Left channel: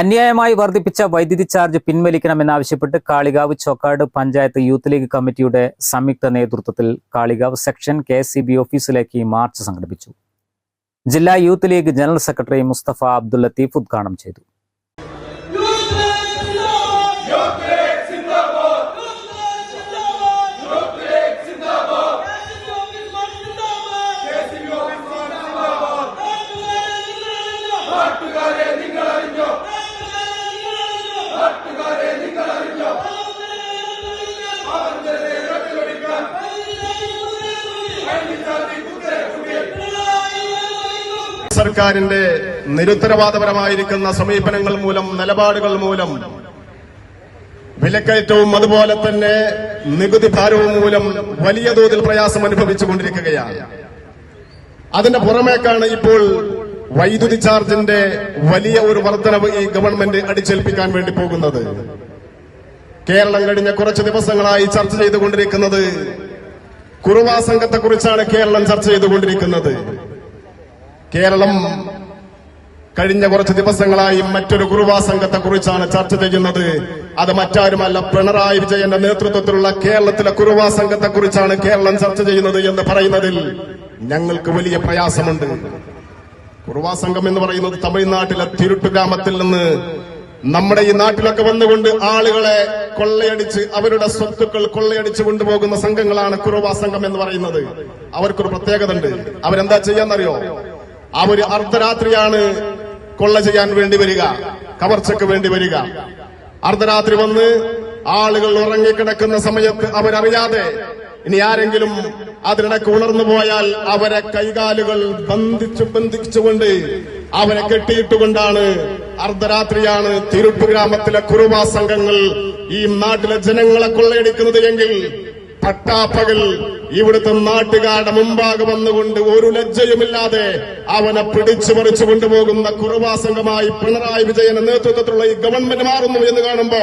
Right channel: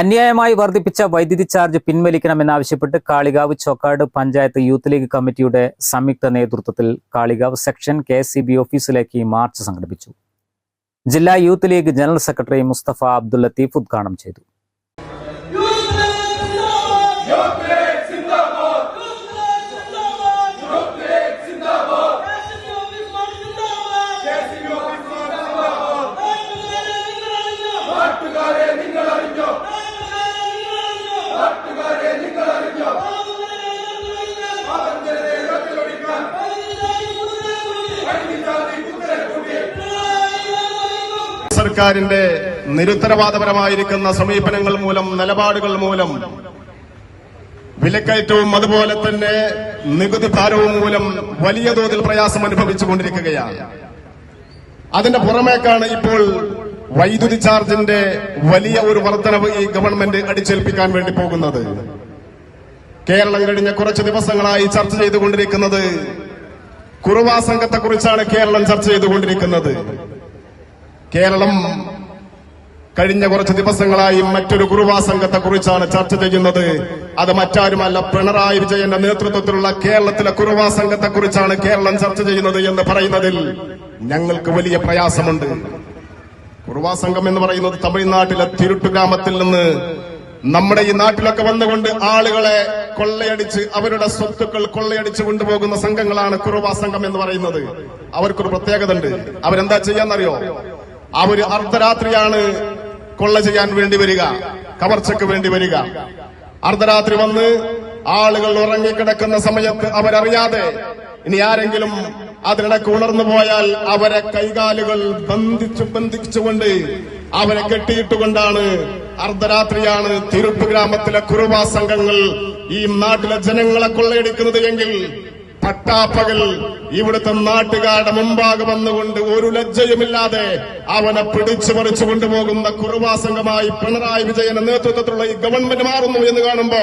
അന്യായമായി വർദ്ധിപ്പിച്ച വൈദ്യുതി ചാർജ് പിൻവലിക്കണമെന്നാവശ്യപ്പെട്ട് കാളികാവ് ചോക്കാട് പഞ്ചായത്ത് യൂത്ത് ലീഗ് കമ്മിറ്റിയുടെ സംയുക്ത നേതൃത്വത്തിൽ കാളികാവ് സെക്ഷൻ കെ ഓഫീസിലേക്ക് മാർച്ച് സംഘടിപ്പിച്ചു. ജില്ലാ youth league general secretary Mustafa Abdul Latheef ഉദ്ഘാടനം ചെയ്തു. സർക്കാരിന്റെ നിരുത്തരവാദപരമായിരിക്കുന്ന സമീപനങ്ങൾ മൂലം നിലപാടുകൾ മൂലം വിലക്കയറ്റവും അതുപോലെ തന്നെ നികുതി ഭാരവും മൂലം വലിയ തോതിൽ പ്രയാസം അനുഭവിച്ചു കൊണ്ടിരിക്കുകയാണ്. അതിന്റെ പുറമേക്കാണ് ഇപ്പോൾ വൈദ്യുതി ചാർജിന്റെ വലിയ ഒരു വർധനവ് ഈ ഗവൺമെന്റ് അടിച്ചേൽപ്പിക്കാൻ വേണ്ടി പോകുന്നത്. കേരളം കഴിഞ്ഞ കുറച്ച് ദിവസങ്ങളായി ചർച്ച ചെയ്തുകൊണ്ടിരിക്കുന്നത് കുറുവാ സംഘത്തെക്കുറിച്ചാണ് കേരളം ചർച്ച ചെയ്തുകൊണ്ടിരിക്കുന്നത്. കേരളം കഴിഞ്ഞ കുറച്ച് ദിവസങ്ങളായി മറ്റൊരു കുറുവാ സംഘത്തെ കുറിച്ചാണ് ചർച്ച ചെയ്യുന്നത്. അത് മറ്റാരുമല്ല പിണറായി വിജയന്റെ നേതൃത്വത്തിലുള്ള കേരളത്തിലെ കുറുവാ സംഘത്തെ കുറിച്ചാണ് കേരളം ചർച്ച ചെയ്യുന്നത് എന്ന് പറയുന്നതിൽ ഞങ്ങൾക്ക് വലിയ പ്രയാസമുണ്ട്. കുറുവാ സംഘം എന്ന് പറയുന്നത് തമിഴ്നാട്ടിലെ തിരുട്ടു ഗ്രാമത്തിൽ നിന്ന് നമ്മുടെ ഈ നാട്ടിലൊക്കെ വന്നുകൊണ്ട് ആളുകളെ കൊള്ളയടിച്ച് അവരുടെ സ്വത്തുക്കൾ കൊള്ളയടിച്ച് കൊണ്ടുപോകുന്ന സംഘങ്ങളാണ് കുറുവാ സംഘം എന്ന് പറയുന്നത്. അവർക്കൊരു പ്രത്യേകത ഉണ്ട് അവരെന്താ ചെയ്യാന്നറിയോ? അവർ അർദ്ധരാത്രിയാണ് കൊള്ള ചെയ്യാൻ വേണ്ടി വരിക കവർച്ചയ്ക്ക് വേണ്ടി വരിക. അർദ്ധരാത്രി വന്ന് ആളുകൾ ഉറങ്ങിക്കിടക്കുന്ന സമയത്ത് അവരറിയാതെ ഇനി ആരെങ്കിലും അതിനിടയ്ക്ക് ഉണർന്നു പോയാൽ അവരെ കൈകാലുകൾ ബന്ധിച്ചു ബന്ധിച്ചുകൊണ്ട് അവരെ കെട്ടിയിട്ടുകൊണ്ടാണ് അർദ്ധരാത്രിയാണ് തിരുട്ട് ഗ്രാമത്തിലെ കുറുവാ സംഘങ്ങൾ ഈ നാട്ടിലെ ജനങ്ങളെ കൊള്ളയടിക്കുന്നത് എങ്കിൽ പട്ടാപ്പകൽ ഇവിടുത്തെ നാട്ടുകാരുടെ മുമ്പാകെ വന്നുകൊണ്ട് ഒരു ലജ്ജയുമില്ലാതെ അവനെ പിടിച്ചു പറിച്ചു കൊണ്ടുപോകുന്ന കുറുവാ സംഘമായി പിണറായി വിജയന്റെ നേതൃത്വത്തിലുള്ള ഈ ഗവൺമെന്റ് മാറുന്നു എന്ന് കാണുമ്പോ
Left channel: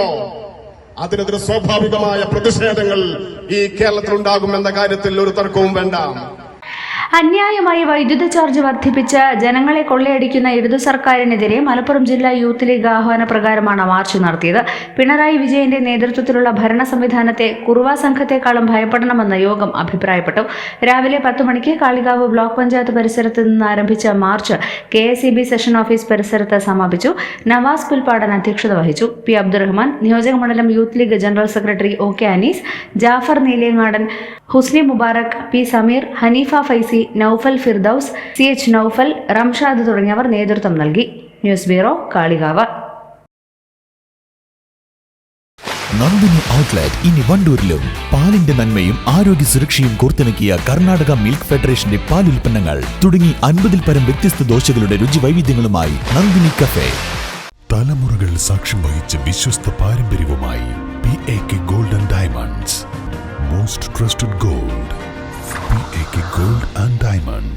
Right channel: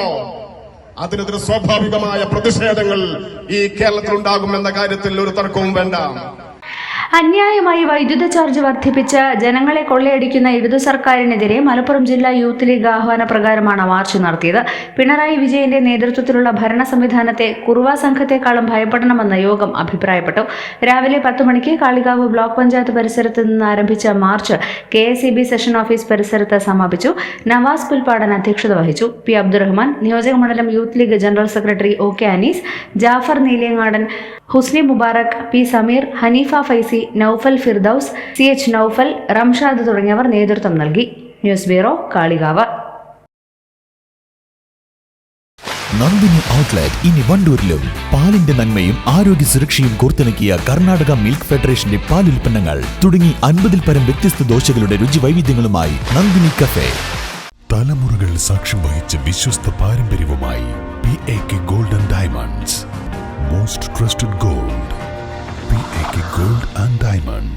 അതിനെതിരെ സ്വാഭാവികമായ പ്രതിഷേധങ്ങൾ ഈ കേരളത്തിൽ ഉണ്ടാകുമെന്ന കാര്യത്തിൽ ഒരു തർക്കവും വേണ്ട. അന്യായമായി വൈദ്യുത ചാർജ് വർദ്ധിപ്പിച്ച് ജനങ്ങളെ കൊള്ളയടിക്കുന്ന ഇടതു സർക്കാരിനെതിരെ മലപ്പുറം ജില്ലാ യൂത്ത് ലീഗ് ആഹ്വാന പ്രകാരമാണ് മാർച്ച് നടത്തിയത്. പിണറായി വിജയന്റെ നേതൃത്വത്തിലുള്ള ഭരണ സംവിധാനത്തെ കുറുവാ സംഘത്തെക്കാളും ഭയപ്പെടണമെന്ന് യോഗം അഭിപ്രായപ്പെട്ടു. രാവിലെ പത്ത് മണിക്ക് കാളികാവ് ബ്ലോക്ക് പഞ്ചായത്ത് പരിസരത്ത് നിന്ന് ആരംഭിച്ച മാർച്ച് കെ സെഷൻ ഓഫീസ് പരിസരത്ത് സമാപിച്ചു. നവാസ് പുൽപാടൻ അധ്യക്ഷത വഹിച്ചു. പി അബ്ദുറഹ്മാൻ നിയോജക മണ്ഡലം youth league general secretary O K Anees Jafar Neeliyangadan Husni Mubarak P Sameer Hanifa Faizy Naufal Firdous C H Naufal Ramshad തുടങ്ങിയവർ നേതൃത്വം നൽകി. News bureau Kalikavu. Nandini outlet ഇനി വണ്ടൂരിലും. പാലിന്റെ നന്മയും ആരോഗ്യ സുരക്ഷയും കോർത്തിണക്കിയ കർണാടക മിൽക്ക് ഫെഡറേഷന്റെ പാൽ ഉൽപ്പന്നങ്ങൾ തുടങ്ങി അൻപതിൽ പരം വ്യത്യസ്ത ദോശകളുടെ രുചി വൈവിധ്യങ്ങളുമായി നന്ദിനി കഫേ. തലമുറകൾ സാക്ഷ്യം വഹിച്ച വിശ്വസ്ത പാരമ്പര്യവുമായി P A K golden diamonds. Most trusted gold. P A K gold and diamonds